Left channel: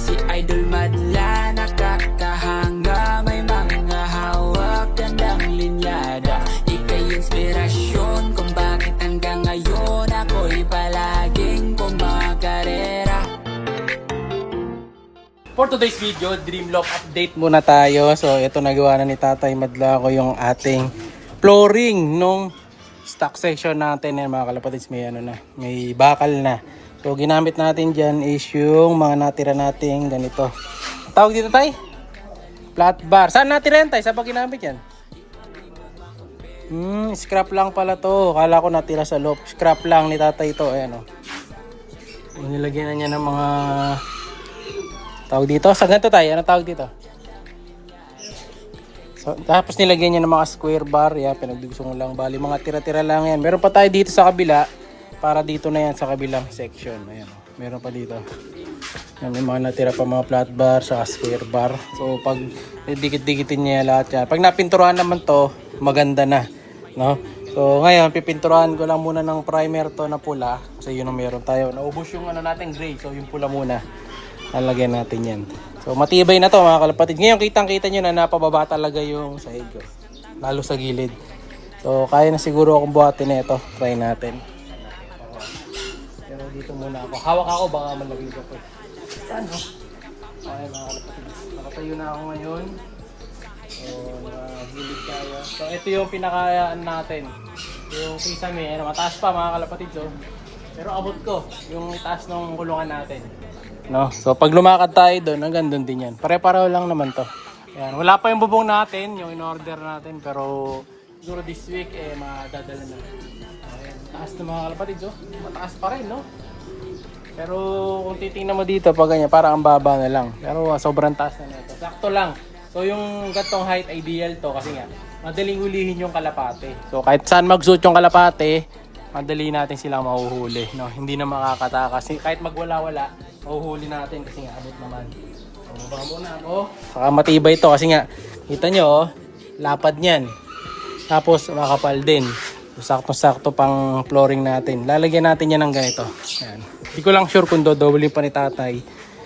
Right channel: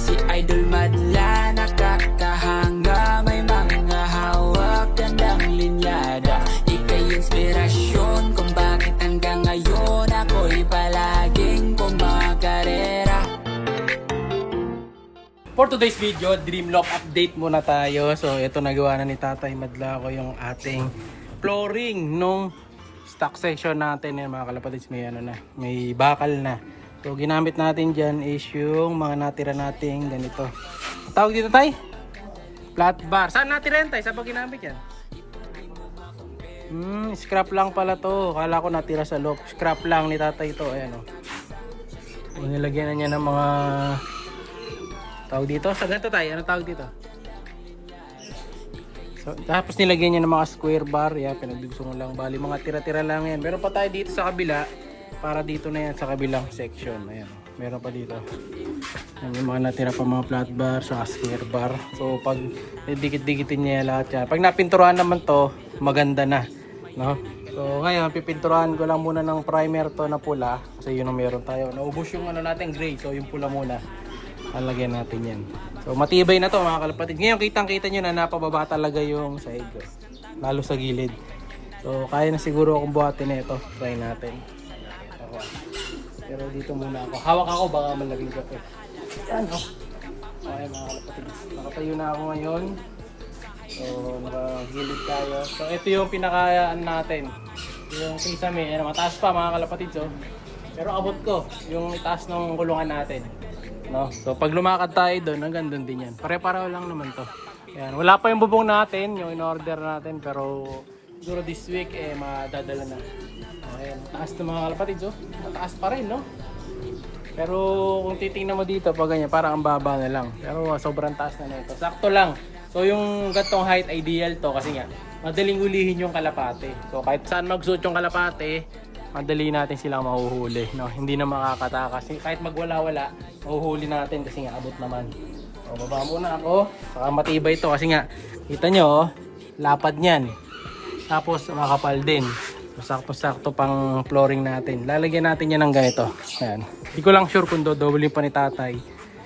si Idol Madla, nakakahanga, may mga hawak, gandang linyada. Ika'y inspirasyon kung bakit hanggang ngayon ako'y palaging kumakarera. For today's video, Dreamlock update muna tayo. So ito, nagawa na ni Tatay Madla ko yung ating flooring nung stock section natin. Yan mga kalapatids, may ano na, may bakal na. So ginamit natin dyan is yung mga natira nating ganito. Tawag dito Tay? Flat bar. Saan natira yan Tay? Saan pa ginamit yan? Scrap lang pala to. Kala ko natira sa loob. Scrap lang ni Tatay ito. Ayan o. Nilagyan na niya ng mga tawag dito. Saan ganito Tay? Ano tawag dito? So, tapos nilagyan niya ng mga square bar. Yan, pinagdugso lang. Bali mga tira-tira lang yan. Meron pa tayo dito sa kabila. Para dito na yan sa kabilang section. Ayan o. Meron pa dito. Yan, may mga natira pa mga flat bar sa square bar. So pag dikit-dikitin niya lahat yan. Pag napinturahan naman to, maganda na. No? So ngayon, pipinturahan ko lang muna ng primer to na pula. Kasi yun ang meron tayo. Naubos yung ano natin gray. So yung pula muna. Lalagyan natin yan. So matibay na to mga kalapatid. Ngayon kitang-kita nyo na napababa talaga yung sahig. Lalo sa gilid. So kaya na siguro akong buhatin na ito. Try natin. Pero dito muna ako. Hawak ako baka malaglag ako. Yan o. Okay mga kalapatid. Nakatayo na ako ngayon. So nakagilid tayo. So ito yung pinakayaan natin. Yung kisame. Mataas pa mga kalapatid. So. Pero abot ko yung itaas ng kulungan natin. No? So pag lumakad tayo doon, hanggang doon din yan. Pare-pareho lang naman to. Ayan. Wala pa yung bubong natin, yung in-order natin. Pero siguro this week, madadala na. Ayan. Taas ng mga kalapatids, oh. Mataas pa rin, no? Pero kung titingnan mo dito, pag ganyan, parang ang baba na lang. Pero sobrang taas na nito. Sakto lang. So yung gantong height, ideal to. Kasi nga, madaling ulihin yung kalapate. So kahit saan magsuot yung kalapate, madali natin silang mahuhuli, no? Hindi na makakatakas. Kahit magwala-wala, mahuhuli natin kasi nga abot naman. So, baba muna ako. Saka matibay ito kasi nga, kita nyo, oh, lapad niyan. Tapos makapal din. So, sakto-sakto pang flooring natin. Lalagyan natin yan ng ganito. Ayan. Hindi ko lang sure kung dodoble pa ni Tatay.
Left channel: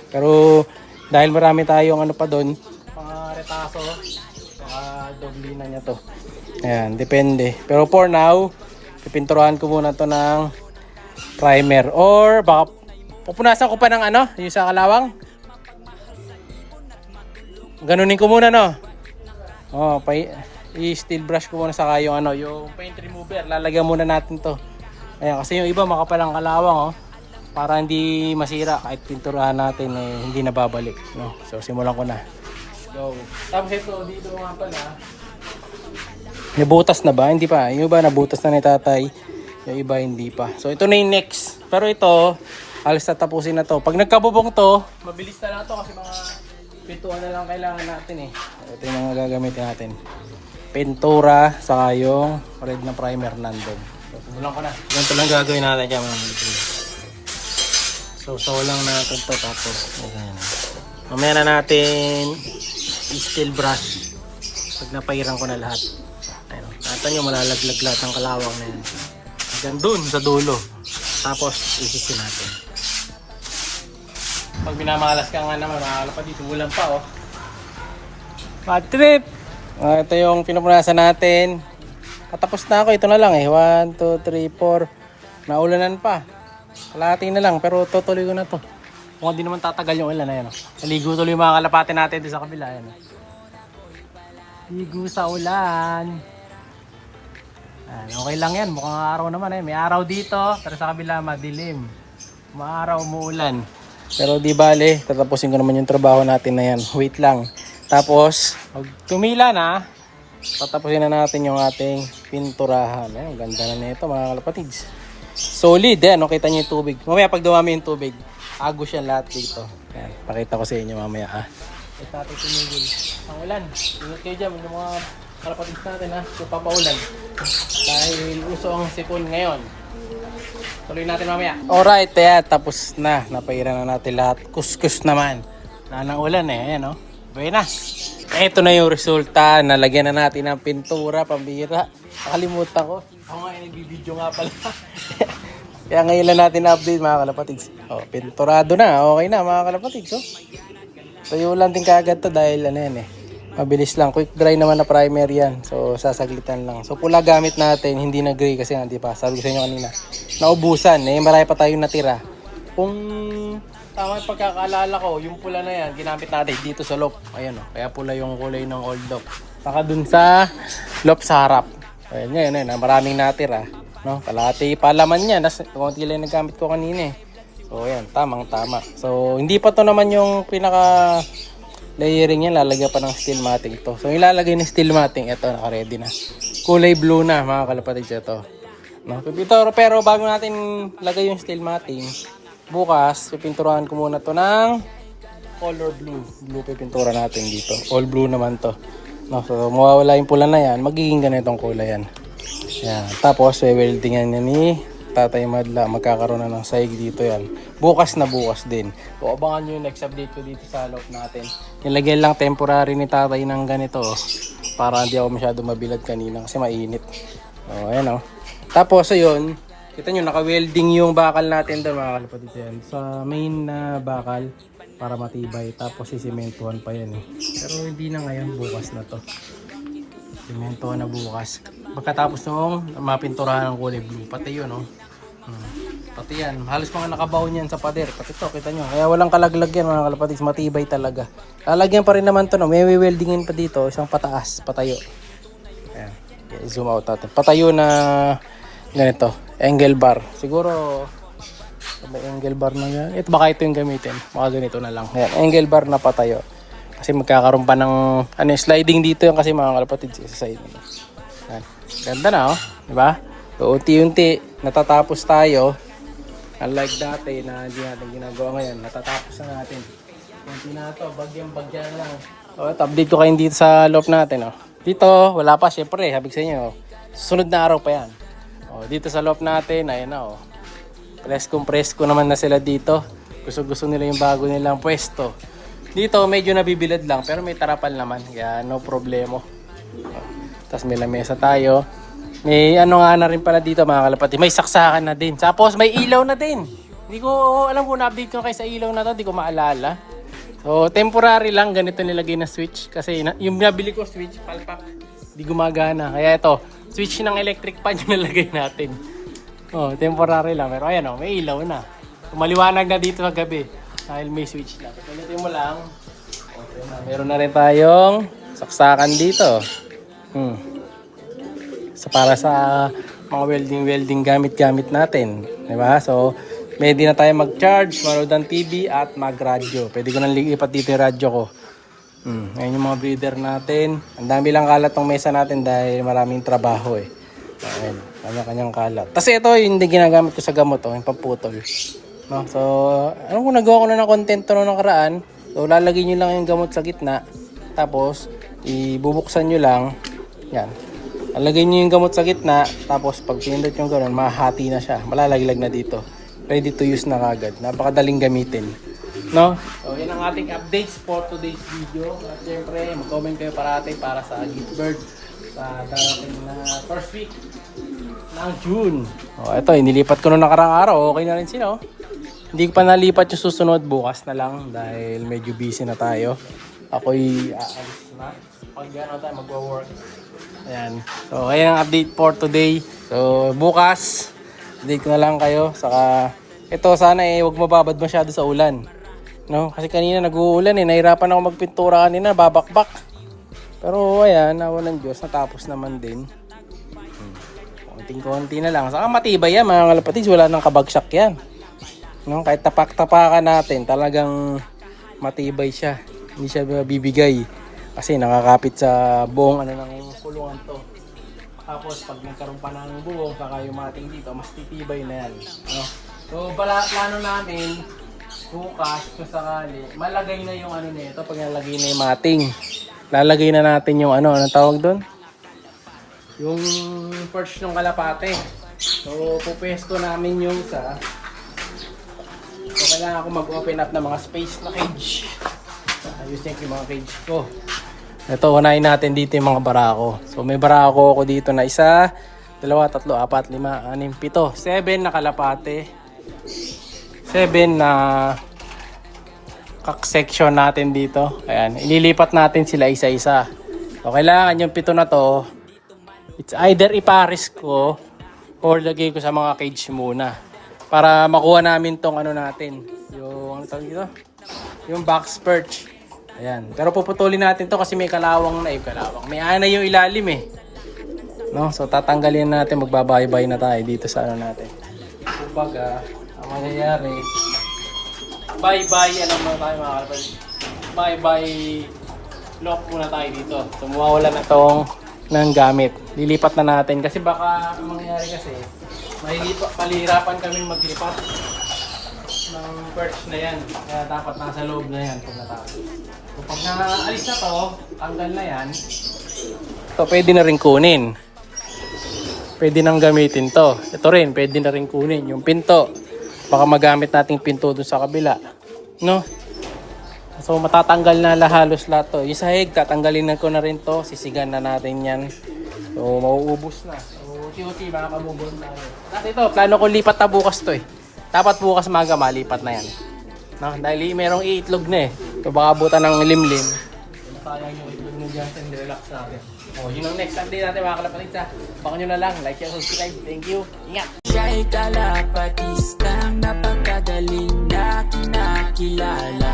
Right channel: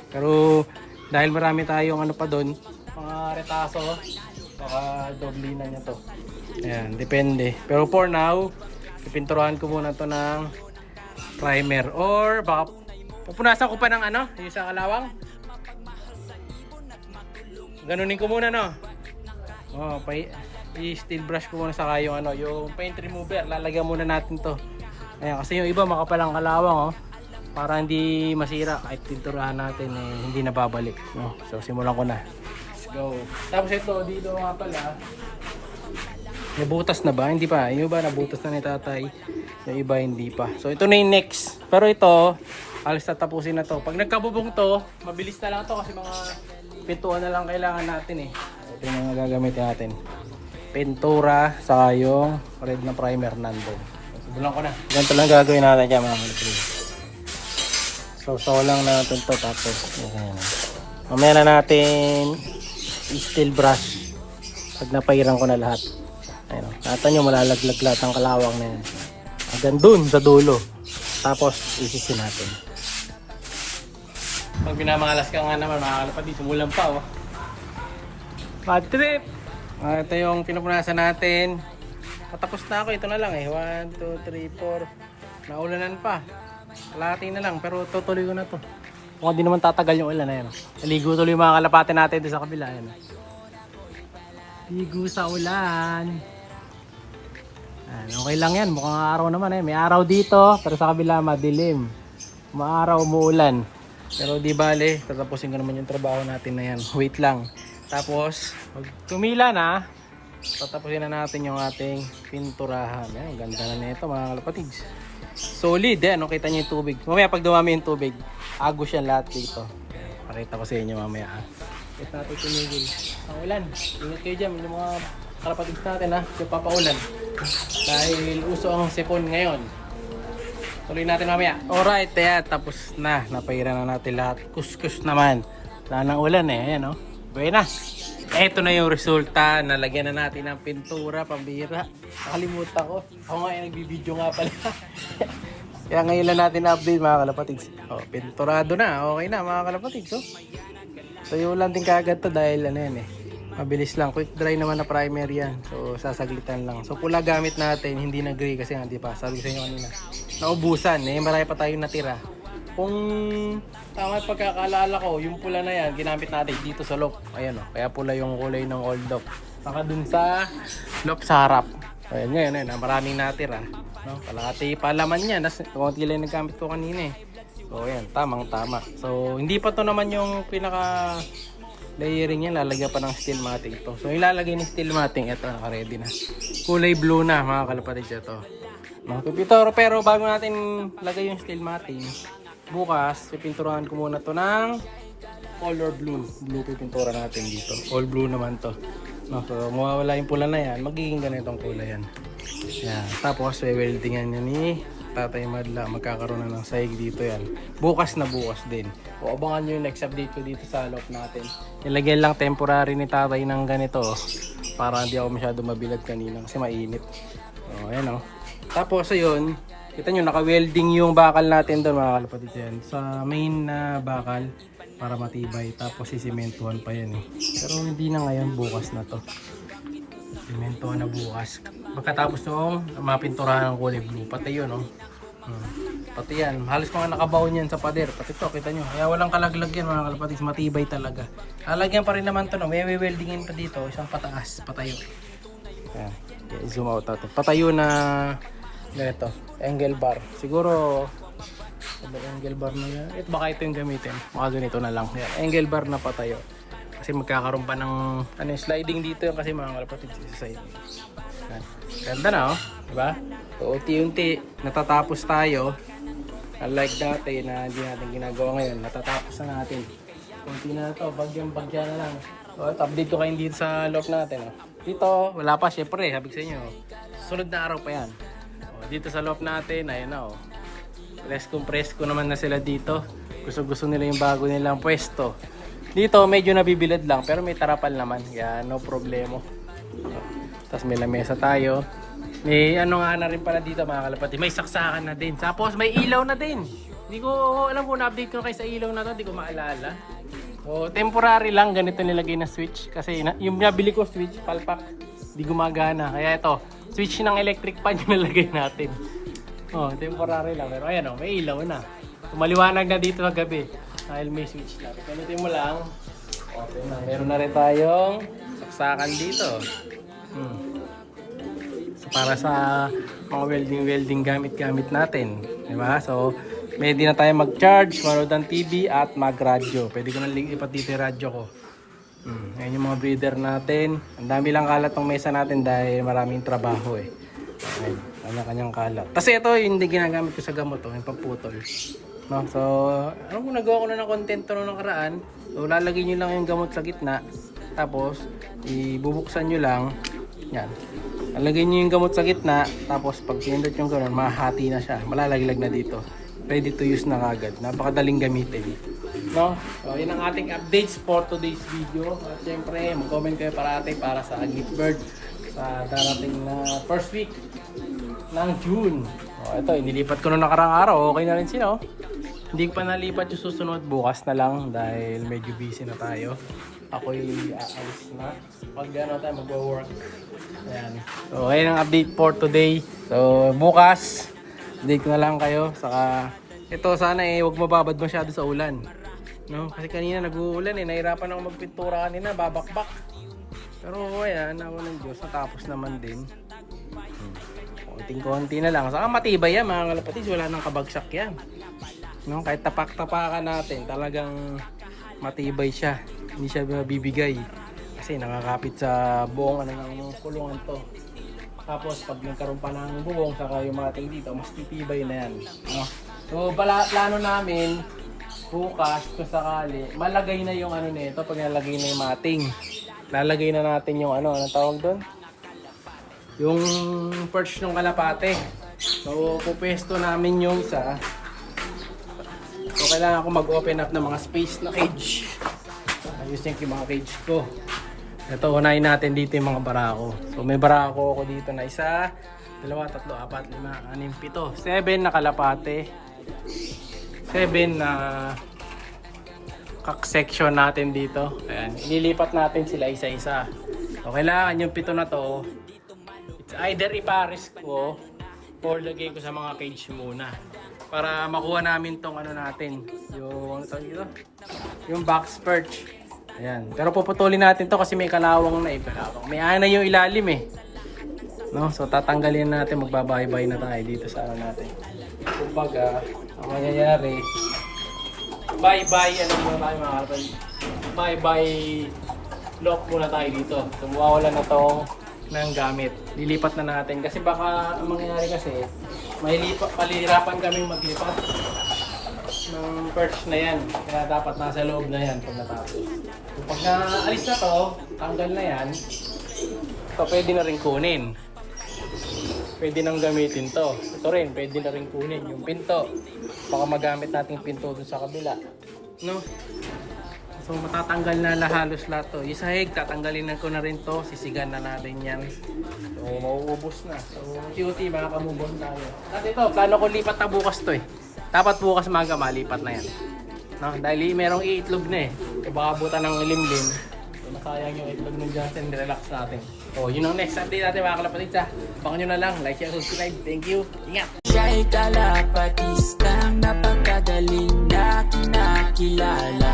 Pero dahil marami tayong ano pa doon, mga retaso, baka doble na niya to. Ayan, depende. Pero for now, pipinturahan ko muna to ng primer or baka pupunasan ko pa ng ano, yung sa kalawang. Ganunin ko muna, no. Oh, i-steel brush ko muna sa yung ano, yung paint remover. Lalagyan muna natin to. Ayan, kasi yung iba makapalang kalawang, oh. Para hindi masira kahit pinturahan natin hindi na babalik, no. So simulan ko na. Let's go. Tapos ito dito nga pala. Nabutas na ba? Hindi pa. Yung iba nabutas na ni Tatay. Yung iba hindi pa. So ito na yung next. Pero ito, alas tatapusin na to. Pag nagkabubong to, mabilis na lang to kasi mga pintuan na lang kailangan natin eh. Ito yung mga gagamitin natin. Pintura, saka yung red na primer nandun. Simulan ko na. Ganito lang gagawin natin dyan mga kalapatid. So lang natin to tapos. Ayan. Mamaya na natin i-steel brush. Pag napairan ko na lahat. Ayun, nata nyo malalaglag lahat ng kalawang na yan. Hanggang dun sa dulo. Tapos isisi natin. Pag binamalas ka nga naman mga kalapatid, sumulan pa oh. Bad trip! Ito yung pinupunasan natin. Patapos na ako, ito na lang eh. 1, 2, 3, 4. Naulanan pa. Kalahati na lang pero tutuloy ko na to. Kung hindi naman tatagal yung ulan na yan. Naligo tuloy yung mga kalapate natin dito sa kabila. Yan. Ligo sa ulan. Okay lang yan, mukhang araw naman eh. May araw dito, pero sa kabila madilim. Maaraw, umuulan. Pero di bale, tatapusin ko naman yung trabaho natin na yan. Wait lang. Tapos, pag tumila na, tatapusin na natin yung ating pinturahan. Ang ganda na nito mga kalapatids. Solid eh, no? Kita nyo yung tubig. Mamaya pag dumami yung tubig, agos yan lahat dito. Yan, pakita ko sa inyo mamaya ha. Wait natin tumigil. Ang ulan. Ingat kayo dyan, yung mga kalapatids natin ha, yung papaulan. Dahil uso ang sipon ngayon. Tuloy natin mamaya. Alright, tapos na. Napairan na natin lahat. Kuskus naman. Wala nang ulan eh. Ayan o. Buena. Ito na yung resulta. Nalagyan na natin ng pintura, pambira. Nakalimutan ko. Ako nga yung nagbibideo nga pala. Kaya ngayon lang natin na-update mga kalapatids. Oh, pinturado na. Okay na mga kalapatids. Oh. Tayo lang din kaagad to dahil ano yan eh. Mabilis lang. Quick dry naman na primer yan. So sasaglitan lang. So pula gamit natin. Hindi na gray kasi nga di pa. Sabi ko sa inyo kanina. Naubusan. Eh marami pa tayong natira. Kung tama yung pagkakaalala ko, yung pula na yan, ginamit natin dito sa loft. Ayan o. Kaya pula yung kulay ng old loft. Saka dun sa loft sa harap. Ayan ngayon. Maraming natira. No, kalahati pa laman niya. Konti lang nagamit ko kanina eh. So ayan, tamang tama. So hindi pa to naman yung pinaka layering niya, lalagyan pa ng steel matting to. So ilalagay ng steel matting, ito naka-ready na. Kulay blue na mga kalapatids ito. No, pero bago natin lagay yung steel matting, bukas pipinturahan ko muna to ng color blue. Blue pipintura natin dito. All blue naman to. No, so mawawala yung pula na yan, magiging ganitong kulay yan. Yan. Tapos, weldingan niya ni Tatay Madla. Magkakaroon na ng saig dito yan. Bukas na bukas din. So, abangan nyo yung next update ko dito sa loft natin. Nilagyan lang temporary ni Tatay ng ganito. Para hindi ako masyado mabilad kanina kasi mainit. So, ayan o. Tapos, ayun. Kita nyo, naka-welding yung bakal natin doon mga kalapatid yan. Sa main na bakal para matibay. Tapos, sisimentuhan pa yan eh. Pero hindi na ngayon. Bukas na to. Simentuhan na bukas. Pagkatapos nung mapinturahan ng kulay blue. Pati yun, no? Pati yan. Halos mga nakabaon yan sa pader. Pati to, kita nyo. Kaya walang kalaglag yan, mga kalapatids. Matibay talaga. Lalagyan pa rin naman to, no? May weldingin pa dito. Isang pataas, patayo. Ayan. Okay, zoom out natin. Patayo na ganito. Angle bar. Siguro, angle bar na yan. Baka ito yung gamitin. Baka ganito na lang. Ayan. Angle bar na patayo. Kasi magkakaroon pa ng sliding dito yung kasi mga kalapatids sa side. Yan. Ganda na oh, di ba? So unti-unti natatapos tayo. Unlike dati na hindi natin ginagawa ngayon, natatapos na natin. Kunti na to, bagyang-bagya na lang. So update ko kayo dito sa loft natin oh. Dito wala pa syempre, sabi ko sa inyo. Susunod na araw pa yan. Oh, dito sa loft natin, ayun na oh. Presko naman na sila dito. Gusto nila yung bago nilang pwesto. Dito medyo nabibilad lang pero may tarapal naman. Kaya no problemo. Tapos may lamesa tayo. May ano nga na rin pala dito mga kalapati. May saksakan na din. Tapos may ilaw na din. Hindi ko alam kung na-update ko kayo sa ilaw na to. Hindi ko maalala. So temporary lang ganito nilagay na switch. Kasi yung nabili ko switch palpak. Hindi gumagana. Kaya ito switch ng electric fan yung nilagay natin. Oh, temporary lang. Pero ayan oh, may ilaw na. So, maliwanag na dito ng gabi. Dahil may switch lang. Palitin mo lang. Okay na. Meron na rin tayong saksakan dito. So para sa mga welding gamit natin. Diba? So, pwede na tayo mag-charge, manood ng TV at mag-radyo. Pwede ko nang lipat dito yung radyo ko. Ayan yung mga breeder natin. Ang dami lang kalat ng mesa natin dahil maraming trabaho eh. Ayan, kanya-kanyang kalat. Kasi ito yung hindi ginagamit ko sa gamot, yung pamputol. No? So, ano kung nagawa ko na ng content to noong nakaraan, so lalagay nyo lang yung gamot sa gitna, tapos ibubuksan nyo lang, yan. Lalagay nyo yung gamot sa gitna, tapos pag pinindot yung gano'n, mahati na siya, malalaglag na dito. Ready to use na kagad, napakadaling gamitin. No? So, yun ang ating updates for today's video. At syempre, mag-comment kayo parati para sa gift bird sa darating na first week ng June. Oh, ito, inilipat ko noong nakarang araw. Okay na rin sila. Oh. Hindi pa nalipat yung susunod. Bukas na lang dahil medyo busy na tayo. Ako'y aalis na. Pag gano'n tayo magwa-work. Ayan. So, ayan ang update for today. So, bukas, update ko na lang kayo. Saka, ito sana huwag mababad masyado sa ulan. No? Kasi kanina nag-uulan nahirapan ako magpintura kanina. Babakbak. Pero ayan, awa ng Diyos. Natapos naman din. Konting-konti na lang. Saka matibay yan mga kalapatids. Wala nang kabagsak yan. No? Kahit tapak-tapakan natin, talagang matibay siya. Hindi siya bibigay. Kasi nakakapit sa buong ng kulungan to. Tapos pag nagkaroon pa ng buong, saka yung mating dito, mas titibay na yan. No? So plano namin, bukas kung sakali, malagay na yung nito pag nalagay na yung mating. Lalagay na natin yung anong tawag doon? Yung perch ng kalapate. So pupesto namin yung isa. So kailangan ako mag-open up ng mga space na cage. Ayusin yung mga cage ko. Ito, unahin natin dito yung mga barako. So may barako ako dito na isa, 2, 3, 4, 5, 6, 7 na kalapate. 7 na kak-section natin dito. Ayan, ililipat natin sila isa-isa. So, kailangan yung 7 na to, it's either iparis ko or lagay ko sa mga cage muna. Para makuha namin tong ano natin, yung ano tawag dito? Yung box perch. Ayan. Pero puputulin natin to kasi may kalawang na kalawang. May ana yung ilalim eh. No? So tatanggalin natin, magbabaybay na tayo dito sa ano natin. Kumbaga, ang mangyayari, bye-bye, alam mo tayo mga kapatid. Bye-bye lock muna tayo dito. So mawawala na tong ng gamit. Lilipat na natin kasi baka ang mangyayari kasi palihirapan kaming maglipat ng perch na yan. Kaya dapat nasa loob na yan pag natapos. So, pag naalis na to, tanggal na yan, ito pwede na rin kunin. Pwede nang gamitin to. Ito rin, pwede na rin kunin. Yung pinto, baka magamit nating pinto dun sa kabila. No? So matatanggal na halos lahat to. Yung sahig, tatanggalin na ko na rin to. Sisigan na natin yan. So mauubos na. So unti-unti baka kamubon tayo. Kasi ito, plano ko lipat na bukas to eh. Dapat bukas maga malipat na yan. No? Dahil merong iitlog na eh. So baka buta ng limlim. So nasayang yung itlog ng Justin, relax natin. So yun ang next update natin mga kalapatid sa. Baka nyo na lang, like, share, subscribe. Thank you. Ingat! Siya'y kalapatistang napakagaling na kinakilala.